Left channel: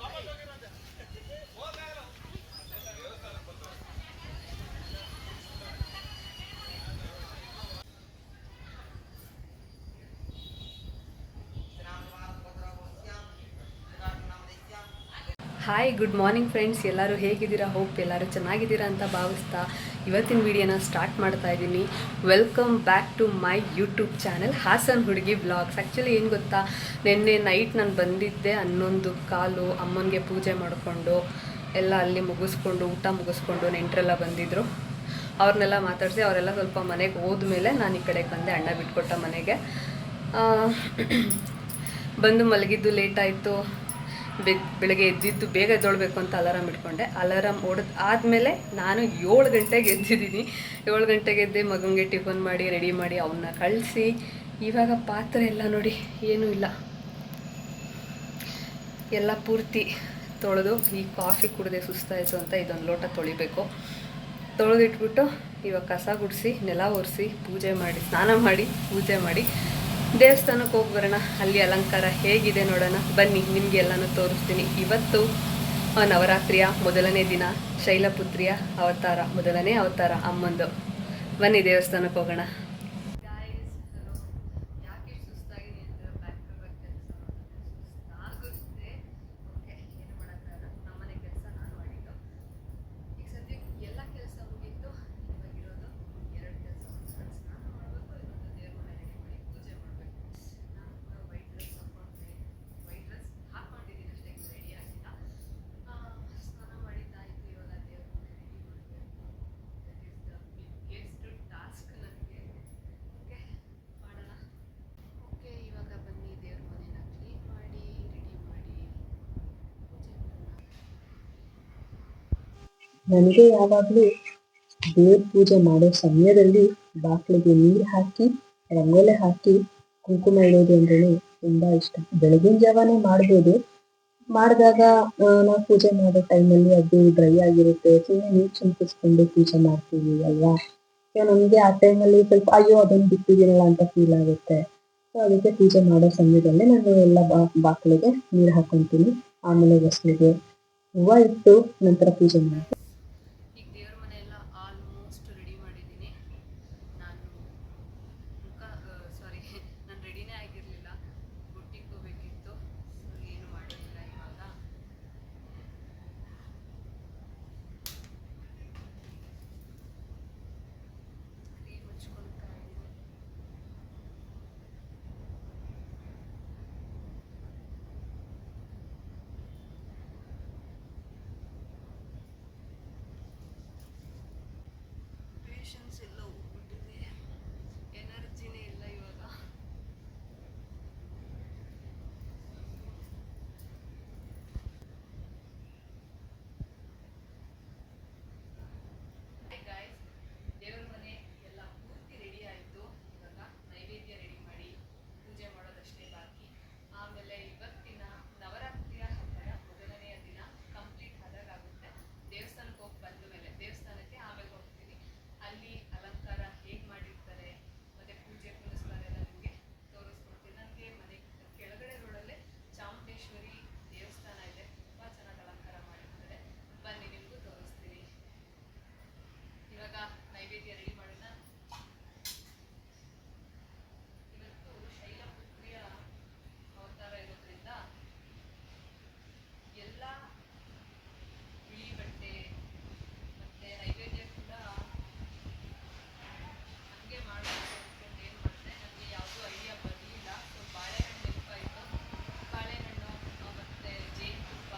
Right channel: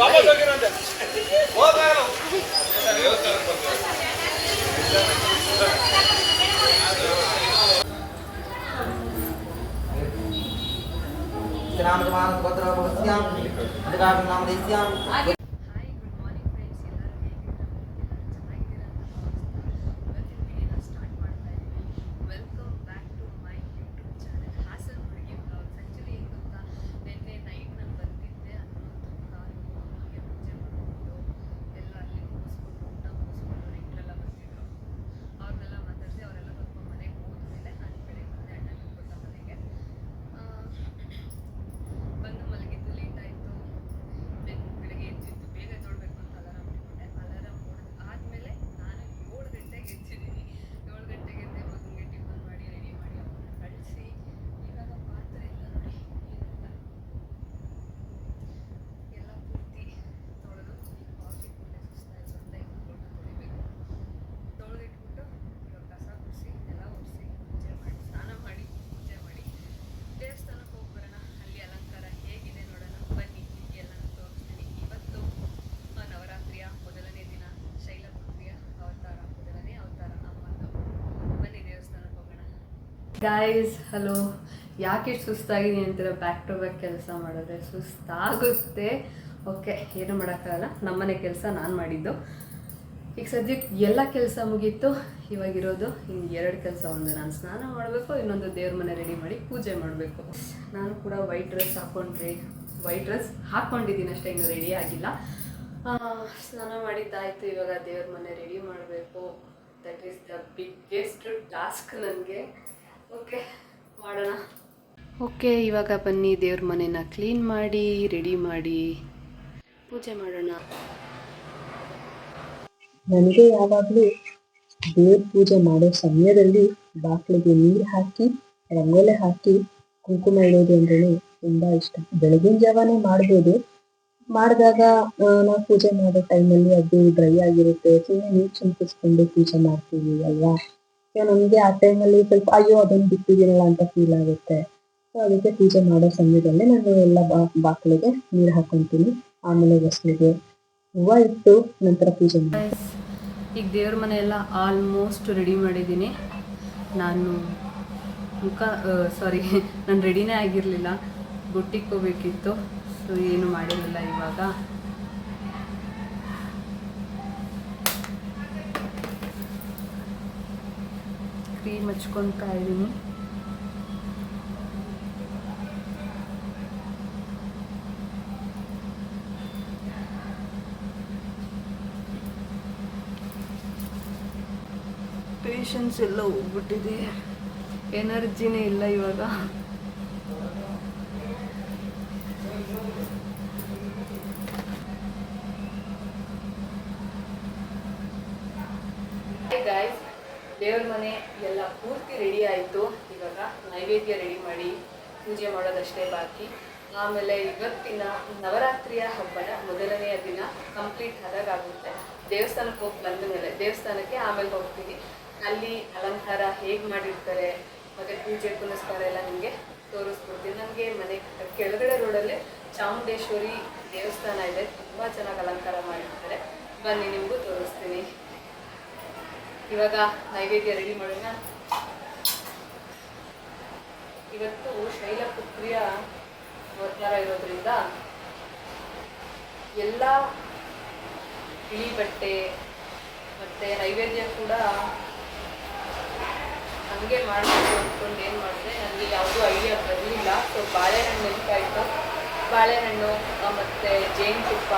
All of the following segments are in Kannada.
ಹಾಯ್ ಗುಡ್ ಮಾರ್ನಿಂಗ್ ಫ್ರೆಂಡ್ಸ್ ಎಲ್ಲರೂ ಹೇಗಿದ್ದೀರಾ? ಹೋಪ್ ಎಲ್ಲರೂ ಚೆನ್ನಾಗಿದ್ದೀರಾ ಅಂತ ಭಾವಿಸ್ತಾ ಇವತ್ತಿನ ವಿಡಿಯೋನ ಸ್ಟಾರ್ಟ್ ಮಾಡ್ತಾ ಇದ್ದೀನಿ. Welcome back to my YouTube channel Hassan ಹುಡುಗಿ ಬ್ಲಾಗ್ಸ್ ಆ್ಯಕ್ಚುಲಿ ಏನು ಗೊತ್ತಾ? ನಿನ್ನೆ ನೈಟ್ ನಾನು ಬಂದಿದ್ದೆ, ಹನ್ನೊಂದು ಕಾಲು ಅಮ್ಮನಿಗೆ ಪೂಜೆ ಮಾಡಿಕೊಂಡು, ಎಲ್ಲ ಅಲ್ಲಿ ಮುಗಿಸ್ಕೊಂಡು, ಊಟ ಮುಗಿಸ್ಕೊಂಡು ನೆಂಟರೆಲ್ಲ ಬಂದಿದ್ದರು ಅವ್ರನ್ನೆಲ್ಲ ಮಾತಾಡಿಸಿ, ಅವರೆಲ್ಲ ಸ್ವಲ್ಪ ಮನೆಗೆ ಹೋದ್ಮೇಲೆ ನಾನು ಈ ಕಡೆಗೆ ಬಂದೆ ಅಣ್ಣ ಬಿಟ್ಕೊಟ್ಟ ಮನೆಗೆ. ಬಂದು ಮಲಗಿದ್ದು ಲೇಟ್ ಆಯಿತು. ಬೆ ಬೆಳಗ್ಗೆ ಎದ್ದಿದ್ದು ಬೇಗ ಎದ್ದೊಳ್ಬೇಕು ಅಂತ ಅಲಾರಾಮ್ ಇಟ್ಕೊಂಡೆ. ಅಲಾರಾಮ್ ಹೊಡೆದು ಆದಮೇಲೆ ನಾನು ಏಳು ಗಂಟೆಗೆ ಎದ್ದಿದ್ದೀನಿ. ಏಳು ಗಂಟೆಗೆ ಎದ್ದೆ ಮಗನಿಗೆ ಟಿಫನ್ ಮಾಡಿ, ರೆಡಿ ಮಾಡಿ ಅವನ್ನ ಕಳಿಸಿ. ಇವಾಗ ಪಾತ್ರೆ ಎಲ್ಲ ನೋಡಿ, ಏನೂ ಇಲ್ಲ. ಎಲ್ಲ ಪೂರ್ತಿ ತೊಳೆದು, ಈ ಕಾಫಿ ಕುಡಿದೆ ಸುಸ್ತಾಯಿತು ಅಂತ ಇದೊಂದು ಲೋಟ ತೊಳಿಬೇಕು. ತೊಳೆದಿಟ್ಬಿಟ್ಟು ಇವಾಗ ಕಸ ಗುಡಿಸಿ, ನೆಲ ಒರೆಸಿ, ಪೂಜೆ ಮಾಡಿ, ಸ್ನಾನ ಮಾಡಿ, ಪೂಜೆ ಮಾಡಿ. ದೇವಸ್ಥಾನಕ್ಕೆ ಹೋಗಿ ಬರೋಣ. ಅಲ್ಲಿ ಅಲಂಕಾರ ಹೇಗಿದೆ ನೋಡೋಣ. ಬನ್ನಿ, ನಿಮಗೆ ಎಲ್ಲಾನು ತೋರಿಸ್ತೀನಿ. ಇವತ್ತು ನವರಾತ್ರಿಯ ಮೊದಲನೇ ದಿನ, ಶೈಲಪುತ್ರಿಯ ಅವತಾರ, ಮೊದಲನೇ ಅವತಾರ ಅಮ್ಮಂದು. ಬನ್ನಿ ದೇವಸ್ಥಾನಕ್ಕೆ ಹೋಗೋಣ. ಗಾಯ್ಸ್ ಹಲೋ ಯಾಕೆ ಸುಸ್ತಾಗಿದ್ದೀನಿ ಅಂತೀರ? ಬ್ಯಾಕ್ ಟು ಬ್ಯಾಕ್ ಕೆಲಸ ಮಾಡಿದ್ರೆ ಸುಸ್ತಾಗುತ್ತೆ. ಓಕೆ ಏನು ಮಾಡೋಕ್ಕಾಗಲ್ಲ. ನಮ್ಮನೆ ಕೆಲಸ ನಾನು ಮಾಡಿದ್ದು. ಈಗ ಸದ್ಯಕ್ಕೆ ಎಲ್ಲ ಕೆಲಸ ಮುಗೀತು. ಇವಾಗಿರೋದು ಇನ್ನು ಎರಡು ಕೆಲಸ ಒಂದು ನಾನು ಸ್ನಾನ ಮಾಡಬೇಕು, ಇನ್ನೊಂದು ದೇವ್ರ ಮನೆ ರೆಡಿ ಮಾಡಿ ಪೂಜೆ ಮಾಡಬೇಕು. ನಾನು ಕೂಡ ವೈಟ್ ಡ್ರೆಸ್ ಹಾಕೊಂಡ್ರಿ ವೈಟ್ ಡ್ರೆಸ್ ಹಾಕ್ಕೊಂಡಿದ್ದೀನಿ ಅಷ್ಟೇ, ಇನ್ನು ರೆಡಿ ಆಗಿಲ್ಲ. ಸ್ನಾನ ಮಾಡಿದ್ದಾಯಿತು, ಇವಾಗ ದೇವ್ರ ಮನೆ ರೆಡಿ ಮಾಡಬೇಕು. That is the biggest task ನನಗೆ. ಓಕೆ ಮಾಡೋಣ. ಓಕೆ ಇವಾಗ ಬನ್ನಿ ದೇವ್ರ ಮನೇನ ಕ್ಲೀನ್ ಮಾಡಿ ರೆಡಿ ಮಾಡಿ ಪೂಜೆ ಮಾಡೋಣ. ನನಗೆ ಯಾವಾಗಲೂ ದೇವ್ರ ಪೂಜೆ ಮಾಡೋ ಸಮಯದಲ್ಲಿ ಬಾಗಿಲಿಗೆ ನೀರು ಹಾಕಿ ರಂಗೋಲೆ ಹಾಕಿ ಕುಂಕುಮ ಇಡೋದು ಅಂದ್ರೆ ತುಂಬಾ ಇಷ್ಟ. ಬೆಳಗಿನ ಜಾವನೇ ಮಾಡ್ಬೋದು. ಮಾಡಿದಾಗ ನಾವು ಪೂಜೆ ಮಾಡೋ ಟೈಮಲ್ಲಿ ಅದು ಡ್ರೈ ಆಗಿರುತ್ತೆ. ಸುಮ್ಮನೆ ನೀರು ಚಿಂತಿಸ್ಕೊಂಡು ಪೂಜೆ ಮಾಡ್ತೀವಿ ಅಲ್ವಾ? ನಮಗೆ ಆ ಟೈಮಲ್ಲಿ ಸ್ವಲ್ಪ, ಅಯ್ಯೋ ಅದನ್ನು ಬಿಟ್ಟಿದ್ದೀನಲ್ಲ ಅಂತ ಫೀಲ್ ಆಗುತ್ತೆ. ಸೊ ಅದಕ್ಕೆ ಪೂಜೆ ಮಾಡೋ ಸಮಯದಲ್ಲಿ ನಾನು ಎಲ್ಲ ಬಾ, ಬಾಕ್ಲಿಗೆ ನೀರು ಹಾಕೊಂತೀನಿ. ಆಮೇಲೆ ಬಸ್ಲಿಗೆ ಹೂವು ಇಟ್ಟು ನಂತರ ಪೂಜೆ ಮಾಡ್ತೀನಿ. ಈಗ ದೇವ್ರ ಮನೆ ಎಲ್ಲ ಆಲ್ಮೋಸ್ಟ್ ರೆಡಿ ಮಾಡಿದ್ದೀನಿ. ನಾನು ಮುಖ ಸಾರಿ ನಾನು ರೆಡಿನೇ ಆಗಿರಲಿಲ್ಲ. ಬುಟ್ಟಿಗೆ ಹೋಗ್ಬೇಕಿತ್ತು. ಸೊ ಏನು ಮಾಡಿರಲಿಲ್ಲ ಇವಾಗ. ಕ್ರೀಮ್ ಹಚ್ಕೊತಾ ಇದ್ದೀನಿ. ಪೇಷನ್ಸ್ ಎಲ್ಲ ಹೋಗ್ಬಿಟ್ಟಿದೆ. ಎನರ್ಜಿನೇ ಇಲ್ಲ ಇವಾಗ. ದೇವ್ರ ಮನೆ ಎಲ್ಲ ಪೂರ್ತಿ ರೆಡಿ ಆಯಿತು. ಇವಾಗ ನೈವೇದ್ಯ ರೆಡಿ ಮಾಡಿ ಪೂಜೆ ಮಾಡೋದಷ್ಟೇ ಬಾಕಿ. ಆಮೇಲೆ ಇವತ್ತಿನ ನವರಾತ್ರಿಯ ಹಬ್ಬದ ಮೊದಲನೆಯ ದಿನ ಕಂಪ್ಲೀಟ್ ಆಗುತ್ತೆ ದೇವಸ್ಥಾನಕ್ಕೆ ಹೋಗಿ ಬಂದ ಮೇಲೆ, ದೇವಸ್ಥಾನಕ್ಕೆ ಆಮೇಲೆ ಹೋಗ್ತೀವಿ. ಅಲ್ಲಿ ಅಲಂಕಾರ ಹೇಗೆ ಮಾಡಿರ್ತಾರೆ, ಮತ್ತು ಪೂಜೆ ಪುನಸ್ಕಾರ ಎಲ್ಲ ನಿಮಗೆ ತೋರಿಸ್ಕೊಡ್ತೀನಿ. ನನಗೆ ಮನೆ ಕೆಳಗಡೆ ರೋಡಲ್ಲೇ ಚಾಮುಂಡೇಶ್ವರಿ ದೇವಸ್ಥಾನ ಇದೆ. ತುಂಬ ಚೆನ್ನಾಗಿ ಅಲಂಕಾರ ಮಾಡಿರ್ತಾರೆ. ಬನ್ನಿ, ನಿಮಗೂ ತೋರಿಸ್ತೀನಿ. ಇವಾಗ ನೈವೇದ್ಯ ರೆಡಿ ಮಾಡೋಣ. ಇವತ್ತು ಶೈಲಪುತ್ರಿಯ ಅವತಾರ ಇರೋದ್ರಿಂದ ಎಲ್ಲ ಬಿಳಿ ಬಟ್ಟೆ ಮತ್ತೆ ನೈವೇದ್ಯ ಕೂಡ ಹಂಗೆ ಮಾಡಬೇಕು ಅಂದ್ಕೊಂಡು ಏನು ಮಾಡಿದೆ, ನನಗೆ ಯಾವುದೂ ಐಡಿಯಾ ಬರಲಿಲ್ಲ. ಸೊ ಬಾಳೆಹಣ್ಣು ನೆನಪಾಯಿತು ಬಾಳೆಹಣ್ಣು ಮತ್ತು ಜೇನುತುಪ್ಪ,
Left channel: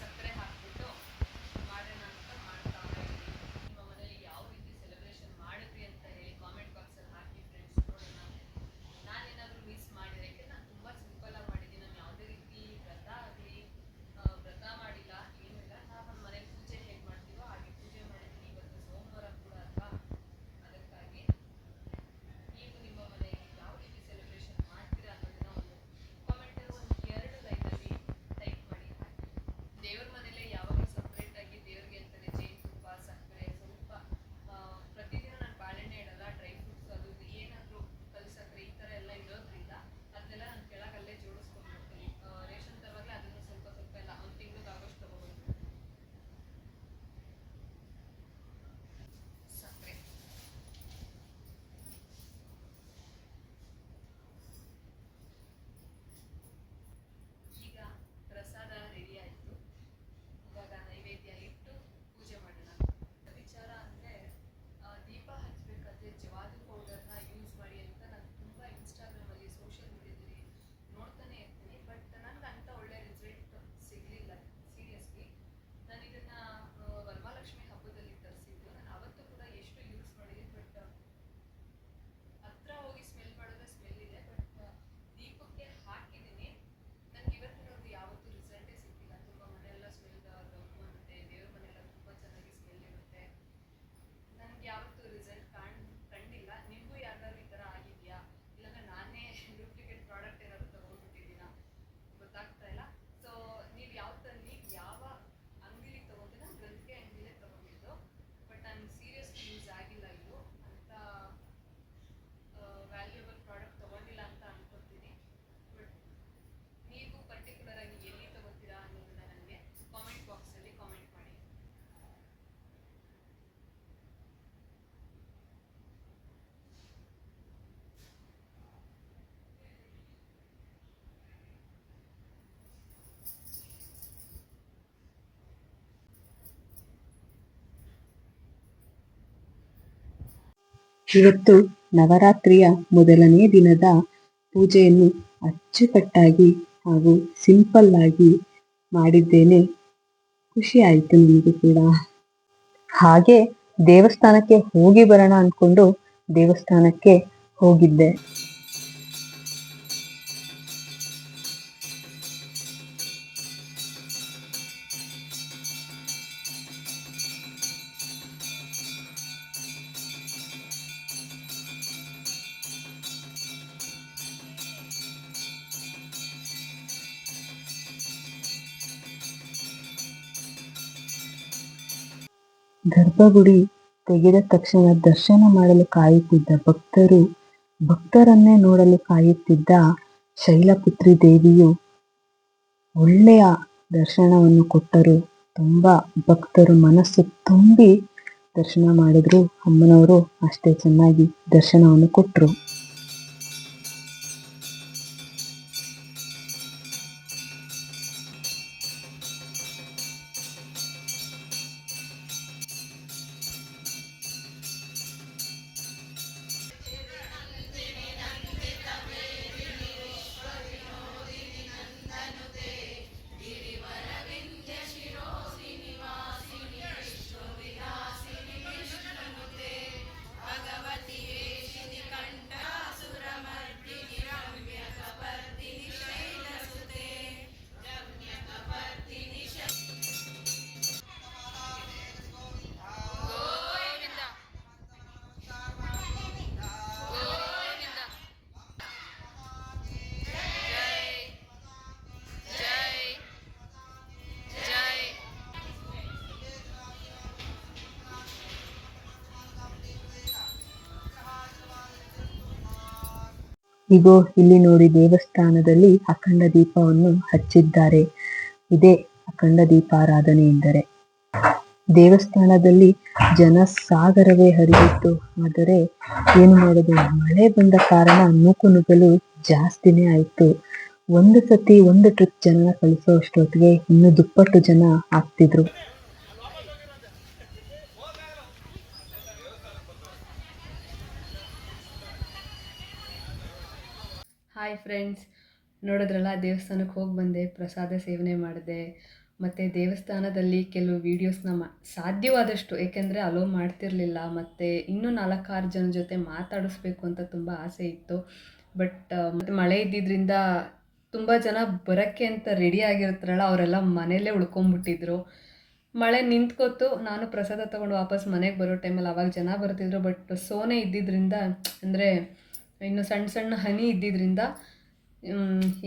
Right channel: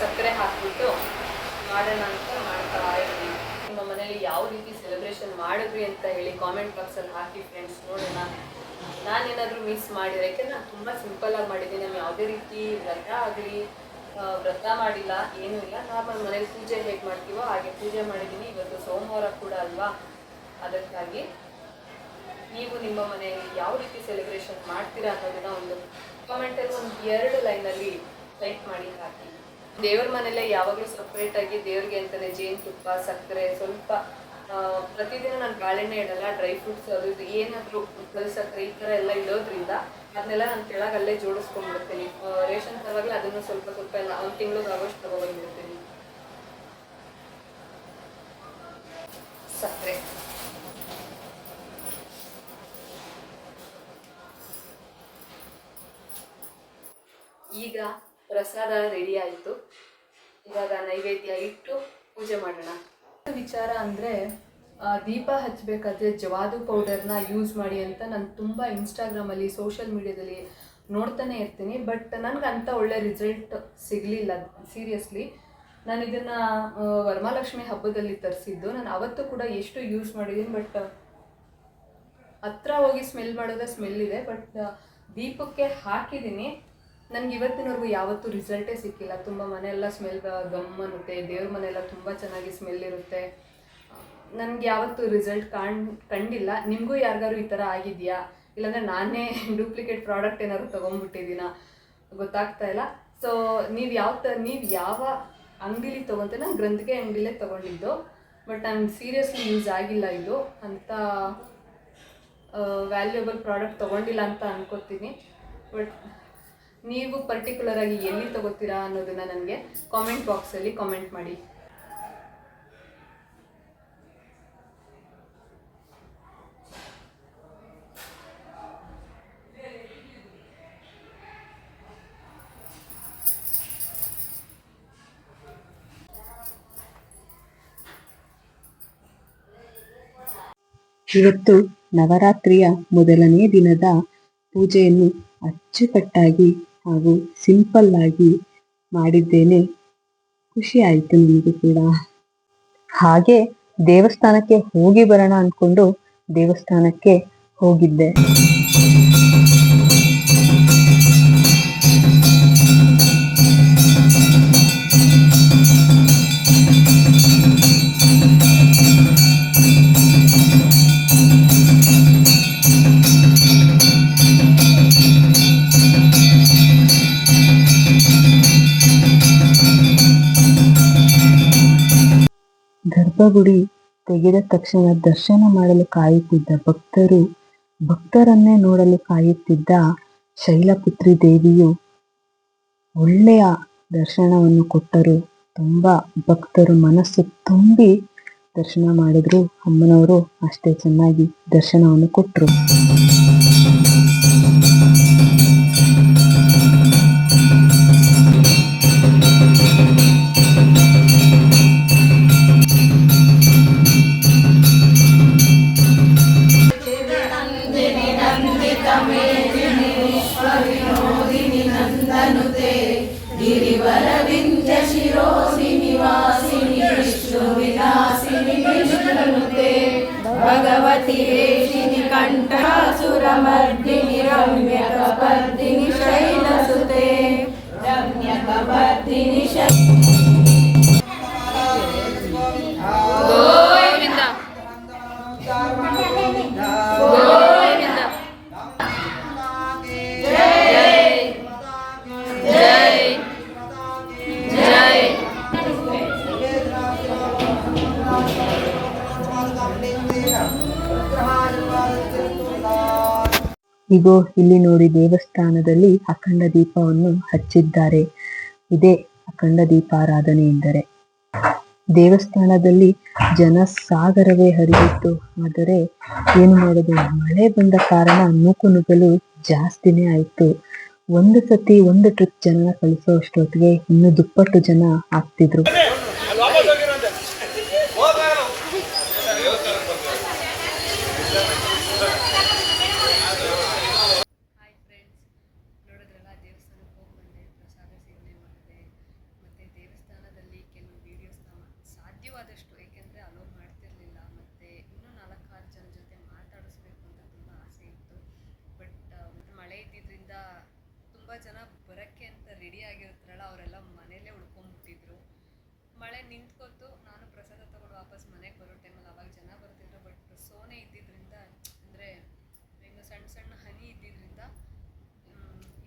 ಸಕ್ಕರೆ ಹಾಕಿಬಿಟ್ಟು ಮಾಡೋಣ ಅಂತ ಮಾಡ್ತಾ ಇದ್ದೀನಿ ನಿಮ್ಮ ಮನೇಲಿ ಯಾವ ರೀತಿ ಸೆಲೆಬ್ರೇಷನ್ ಮಾಡಿದ್ರಿ ಅಂತ ಹೇಳಿ ಕಾಮೆಂಟ್ ಬಾಕ್ಸಲ್ಲಿ ಹಾಕಿ ಫ್ರೆಂಡ್ಸ್ ನೋಡೋಣ. ನಾನೇನಾದರೂ ಮಿಸ್ ಮಾಡಿದ್ರೆ, ಯಾಕೆಂದ್ರೆ ನಾನು ತುಂಬ ಸಿಂಪಲ್ಲಾಗಿ ಮಾಡಿದ್ದೀನಿ. ನಾನು ಯಾವುದೇ ರೀತಿ ವ್ರತ ಆಗಲಿ ವ್ರತ ಮಾಡಿಲ್ಲ, ಏನೂ ಇಲ್ಲ. ನಾರ್ಮಲ್ ಮನೇಲಿ ಪೂಜೆ ಹೇಗೆ ಮಾಡ್ತೀವೋ ಹಾಗೆ ಪೂಜೆ ಮಾಡಿದ್ದೀನಿ. ಇವತ್ತು ಸೋಮವಾರ ಕೂಡ ಅಲ್ವಾ? ಅದಕ್ಕಾಗಿ ನೀವು ನಿಮ್ಮ ಮನೆಯಲ್ಲಿ ಯಾವ ರೀತಿ ಸೆಲೆಬ್ರೇಷನ್ ಮಾಡ್ತೀರಾ ಅನ್ನೋದನ್ನ ಒಂದು ಕಾಮೆಂಟಲ್ಲಿ ಒಂದು ಎರಡು ಲೈನಲ್ಲಿ ಟೈಪ್ ಮಾಡಿ ಹಾಕಿ. ದೇವ್ರ ಮನೆಯಲ್ಲೇ ಯಾವಾಗಲೂ ಸಪ್ರೇಟಾಗಿ ದೇವ್ರಿಗೆ ಅಂತಲೇ ಜೇನುತುಪ್ಪ ಸಕ್ಕರೆ ಸ್ವಲ್ಪ ಪ್ರತಿದಿನ ನಾನು ಬಾಳೆಹಣ್ಣೆ ಇಡಲ್ಲ ಡ್ರೈ ಫ್ರೂಟ್ಸ್ ಅದು ಇದು ಏನಾದರೂ ಸಕ್ಕರೆ ಈ ಥರ ಎಲ್ಲ ಇಡೋದ್ರಿಂದ ಅದನ್ನೆಲ್ಲ ನಾನು ಕೆಳಗೆ ಅಲ್ಲೇ ಜೋಡಿಸ್ಕೊಂಡ್ಬಿಡ್ತೀನಿ ರೇಷನ್ ತರವಾಗಲೇ ಅದನ್ನು ಸ್ವಲ್ಪ ಸ್ವಲ್ಪ ಎಲ್ಲ, ಒಂದು ತಿಂಗ್ಳಿಗೆ ಆಗೋಷ್ಟು ತಗೊಬಂದ್ಬಿಡ್ತೀನಿ ಸಕ್ಕರೆ ಈಗ ಪ್ರಸಾದ ರೆಡಿ ಆಯಿತು. ಇವಾಗ ನೈವೇದ್ಯ ಇಟ್ಟು ಪೂಜೆ ಮಾಡೋಣ. ವಿಚಾರ ಅಂದರೆ ದೀಪ ಹಚ್ಚಬೇಕಾದ್ರೆ ಜವಾದು ಪೌಡರ್ನ ಯೂಸ್ ಮಾಡಿ ಅಂತ ನಾನು ತುಂಬ ಇನ್ಸ್ಟಾಗ್ರಾಮಲ್ಲಿ ಸೋಷಿಯಲ್ ಮೀಡ್ಯಾದಲ್ಲಿ ನೋಡ್ತಾನೆ ಇರ್ತೀನಿ. ಬಟ್ ನನಗೆ ಅಂತ ಒಳ್ಳೆ ರಿಸಲ್ಟ್ ಸಿಗಲಿಲ್ಲ ಸೀರಿಯಸ್ಲಿ ನಾನು ಇದನ್ನು ವರಮಹಾಲಕ್ಷ್ಮಿ ಹಬ್ಬದಲ್ಲಿ ತರಿಸಿದ್ದು. ನಾನು ಅವತ್ತು ಕೂಡ ಎಷ್ಟು ಯೂಸ್ ಮಾಡಿದ್ದೀನಿ ಬಟ್ ಹತ್ರ ಹೋಗಿ ಸ್ಮೆಲ್ ಮಾಡಿದ್ರೆ ಸ್ಮೆಲ್ ಇದೆ. ಬಟ್ ದೀಪಕ್ಕೆ ಹಾಕಿದ್ದೀನಿ ನನಗೆ ಇವತ್ತಿನವರೆಗೂ ಯಾವತ್ತೂ ರಿಸಲ್ಟೇ ಸಿಕ್ಕಿಲ್ಲ. ತುಂಬ ಮನೆಯೆಲ್ಲ ಸ್ಮೆಲ್ ಗಮ್ ಅನ್ನುತ್ತೆ ದೇವ್ರ ಮನೆಯೆಲ್ಲ ತುಂಬ ಚೆನ್ನಾಗಿ ಸ್ಮೆಲ್ ಇರುತ್ತೆ. ನನಗೆ ಯಾವತ್ತೂ ರಿಸಲ್ಟ್ ಕಾಣ್, ಕಂಡಿಲ್ಲ. ನಿಮಗೂ ಯಾರಿಗಾರು ಈ ಥರ ಆಗಿದೆಯಾ? ಇಲ್ಲಾಂದರೆ ನಾನೇ ಡೂಪ್ಲಿಕೇಟ್ ಪ್ರಾಡಕ್ಟ್ ಏನಾದ್ರು ತೊಗೊಂಡ್ಬಿಟ್ಟಿದ್ದೀನ? ಗೊತ್ತಾಗ್ತಾ ಇಲ್ಲ. ಸೊ ನೀವು ಯಾವ ತ, ನೀವು ಯಾವ ಅಂಗಡಿಲಿ ತೊಗೊತ ನಾನು ಗ್ರಂಥಿಗೆ ಅಂಗಡಿಲೇ ತೊಗೊಂಡಿದ್ದು. ಬಟ್ ನಾನು ಸೀರಿಯಸ್ಲಿ ಯೂಸ್ ಆಗಿಲ್ಲ ಇದು. ಅಂತ ವ್ಯಾಲ್ಯೂಯಬಲ್ ಪ್ರಾಡಕ್ಟ್ ತೊಗೊಂಡಿಲ್ಲ ಅಂತ ಅನ್ಕೋತೀನಿ. ಬಟ್ ನೀವು ಪರ್ಟಿಕ್ಯುಲರ್ ಆಗಿ ಎಲ್ಲಿ ತಗೋತೀರಾ ಅನ್ನೋದನ್ನ ನನಗೆ ಕಾಮೆಂಟ್ ಬಾಕ್ಸಲ್ಲಿ ಕಾಮೆಂಟ್ ಮಾಡಿ. ಇವತ್ತು ನವರಾತ್ರಿಯ ಮೊದಲನೇ ದಿನದ ಪೂಜೆಯನ್ನು ಅಚ್ಚುಕಟ್ಟಾಗಿ ಹಾಗೂ ಸಿಂಪಲ್ ಆಗಿ ಮಾಡಿದ್ದೇನೆ. ಖುಷಿ ಆಯಿತು ನನಗೆ ಕೂಡ. ಹಾಗೆ ದೇವಸ್ಥಾನಕ್ಕೆ ಹೋಗಿ ಬರೋಣ ಅಂದ್ಕೊಂಡು ದೇವಸ್ಥಾನಕ್ಕೆ ಹೋಗಿದ್ದೆ. ಗರ್ಭಗುಡಿ ತೆಗೆದ ತಕ್ಷಣ ದರ್ಶನ ಮಾಡಲು ಕಾಯುತ್ತಿದ್ದ ಭಕ್ತರು, ಭಕ್ತರನ್ನೇ ನೋಡಲು ಕಾಯುತ್ತಿದ್ದ ಶೈಲಪುತ್ರಿ ದೇವಿಯು ಒಳ್ಳೆಯ ದರ್ಶನವನ್ನು ಕೊಟ್ಟರು. ತುಂಬಾ ಭಕ್ತರು ಮನಸ್ಸು ತುಂಬಿ ದರ್ಶನ ಮಾಡಿದ್ರು. ಅಮ್ಮನವರು ಅಷ್ಟೇ ಚೆನ್ನಾಗಿ ದರ್ಶನವನ್ನು ಕೊಟ್ಟರು भगवति श्रीकण्ठसुरमी रम्य ಇಗೋ, ಇಲ್ಲಿ ನೋಡಿ, ದೇವಸ್ಥಾನದಲ್ಲಿ ಅಖಂಡ ದೀಪವನ್ನು ಹಚ್ಚಿದ್ದಾರೆ. ಇದೇ ಅಖಂಡ ದೀಪಾರಾಧನೆ ಎಂದರೆ. ದೇವಸ್ಥಾನದಲ್ಲಿ ಜನ ಸಾಗರವೇ ಹರಿಯಿತ್ತು ಆದರೆ ಏನು ಮಾಡೋದು? ಮಳೆ ಬಂದ ಕಾರಣ ನೂಕು ನುಗ್ಗಲು ಜಾಸ್ತಿನೇ ಆಯ್ತು. ಒಂದು ಸತಿ ಒಂದು ಟ್ರಿಪ್ ಜನ ಕಳಿಸೋ ಅಷ್ಟೊತ್ತಿಗೆ ಇನ್ನು ದುಪ್ಪಟ್ಟು ಜನ ಆಗ್ತಿದ್ರು. ಫ್ರೆಂಡ್ಸ್ ನೋಡಿದ್ರಲ್ಲ, ದೇವಸ್ಥಾನಕ್ಕೆ ಹೋಗಿ ಬಂದೆ, ಪ್ರಸಾದ ಸೇವನೆ ಮಾಡಿದೆ. ಮತ್ತು ದೇವಸ್ಥಾನದಲ್ಲಿ ಕೆಲವು ವೀಡಿಯೋಸ್ನ ಮಾ ಸಾಧ್ಯವಾದಷ್ಟು, ಏಕೆಂದರೆ ಅಲೋ ಮಾಡ್ತಿರಲಿಲ್ಲ. ಮತ್ತು ಇನ್ನೂ ನಾಲ್ಕಾರು ಜನ ಜೊತೆ ಮಾತಾಡಿಸ್ಬೇಕು ಅಂತ ತುಂಬ ಆಸೆ ಇತ್ತು. ಬಟ್ ಮತ್ತು ಮಳೆ ಇದ್ದಿದ್ದರಿಂದ ತುಂಬ ಜನ ಬರೋಕ್ಕೆ ಅಂತ ರೆಡಿ ಆಗಿರ್ತಾರಲ್ಲ, ಅವರೆಲ್ಲ ಮನೆಯಲ್ಲೇ ಉಳ್ಕೊಂಬಿಟ್ಟಿದ್ರು ಮಳೆ ನಿಂತ್ಕೊತು ನಾನು ಪ್ರಸಾದ ತೊಗೊಂಡು ವಾಪಸ್ ಮನೆಗೆ ಬರೋ ಟೈಮಲ್ಲಿ ಅವಾಗ ಜನ ಬರ್ತಿದ್ರು. ಬಟ್ ಸೋನೆ ಇದ್ದಿದ್ದರಿಂದ ಅಂದರೆ, ಇನ್ನು ಸಣ್ಣ ಸಣ್ಣ ಹನಿ ಇದ್ದಿದ್ದರಿಂದ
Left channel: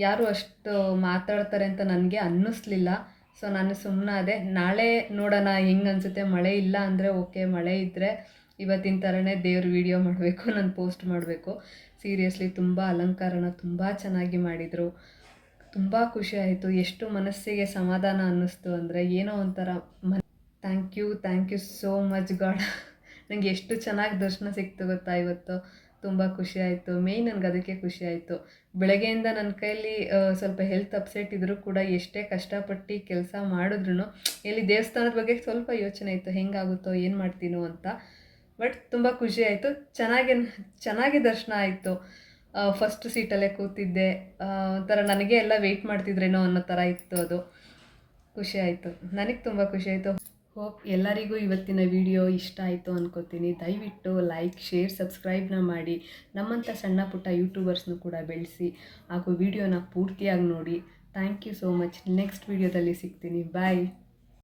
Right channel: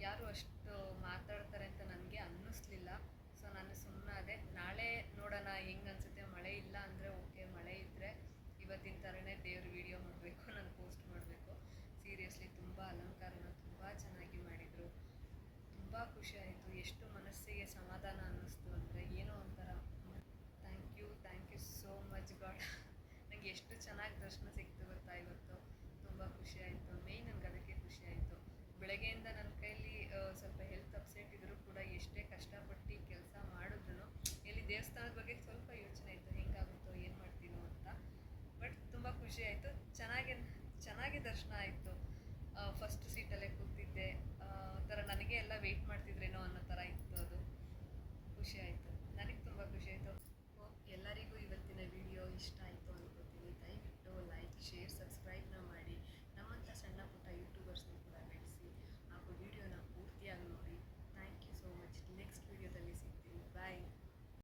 ಯಾರು ಅಷ್ಟು ಮಾತಾಡ್ತಾರೆ ಅಂತ ನನಗೆ ಅನ್ನಿಸ್ಲಿಲ್ಲ. ಸೊ ನಾನು ಸುಮ್ಮನಾದೆ ನಾಳೆ ನೋಡೋಣ, ಹೆಂಗೆ ಅನಿಸುತ್ತೆ, ಮಳೆ ಇಲ್ಲ ಅಂದರೆ ಓಕೆ ಮಳೆ ಇದ್ದರೆ ಇವತ್ತಿನ ಥರನೇ ದೇವ್ರ ವಿಡಿಯೋ ಮಾಡಬೇಕು, ನಾನು ಪೋಸ್ಟ್ ಮಾಡಬೇಕು. ಸೀರಿಯಸ್ಲಿ ತುಂಬ ಅಲಂಕಾರನ ತುಂಬ ಚೆನ್ನಾಗಿ ಮಾಡಿದರು. ತುಂಬ ಖುಷಿ ಆಯಿತು. ಎಷ್ಟು ಮನಸ್ಸಿಗೆ ಸಮಾಧಾನ ಅನ್ನಿಸ್ತು ಅಂದರೆ ಏನೋ ಒಂಥರ Mann thank you thank you so much God ನನಗೆ ಎಷ್ಟು ಚೆನ್ನಾಗಿ ದರ್ಶನ ಸಿಕ್ತು ಗೊತ್ತಾ ಇವತ್ತು? ತುಂಬ ಖುಷಿ ಆಯಿತು. ಮೇಯ್ನ್ ನನಗೆ ಅದಕ್ಕೆ ಖುಷಿ ಆಯಿತು. ಬೆಳಗ್ಗೆಯಿಂದ ನನ್ನ ಕೈಯಲ್ಲಿ ಸ್ವಲ್ಪ ಹೆಲ್ತ್ ಅಪ್ಸೆಟ್ ಇದ್ದರೂ ಕೂಡ ಎಷ್ಟೇ ಕಷ್ಟಪಟ್ಟು ಕೆಲಸ ಮಾಡಿದ್ರು ಇಲ್ಲಿ ದೇವಸ್ಥಾನದ ಬಗ್ಗೆ ಸ್ವಲ್ಪ ಯೋಚನೆ ಇತ್ತು, ಹೆಂಗಾಗುತ್ತೋ, ಏನು ಮಾಡ್ತೀನೋ ಅಂತ. ಬಟ್ ತುಂಬ ಖುಷಿ ಆಯಿತು. ಚೆನ್ನಾಗಿ ಚೆನ್ನಾಗಿ ದರ್ಶನ ಆಯಿತು. ಫಸ್ಟ್ ಸೀಟಲ್ಲೇ ಕೂತಿದ್ದೆ. ಒಂಥರ ನನಗೆ ಎಲ್ಲ ವೆಯ್ಟ್ ಮಾಡ್ತಿದ್ರೇನೋ ಅನ್ನೋ ಥರ ಇತ್ತು ಅದು. ಖುಷಿ ಆಯಿತು. ನನಗೆ ತುಂಬ ಖುಷಿ ಆಯಿತು. ಹೋಪ್ ಎಲ್ಲರಿಗೂ ಇವತ್ತಿನ ವಿಡಿಯೋ ಇಷ್ಟ ಆಯಿತು ಅನ್ಕೋತೀನಿ. ದಯವಿಟ್ಟು ಲೈಕ್ ಶೇರ್ ಸಬ್ಸ್ಕ್ರೈಬ್ನ ಮಾಡಿ. ನಮ್ಮಂಥ ಸಣ್ಣ ಪುಟ್ಟ ಯೂಟ್ಯೂಬರ್ಸ್ನು ಕೂಡ ಬೆಳೆಸಿ. ಹಾಗೂ ವಿಡಿಯೋನ ಪೂರ್ತಿಯಾಗಿ ನೋಡಿ. Thank you so much next ವಿಡಿಯೋದಲ್ಲಿ ಸಿಗ್ತೀನಿ. ಬಾಯ್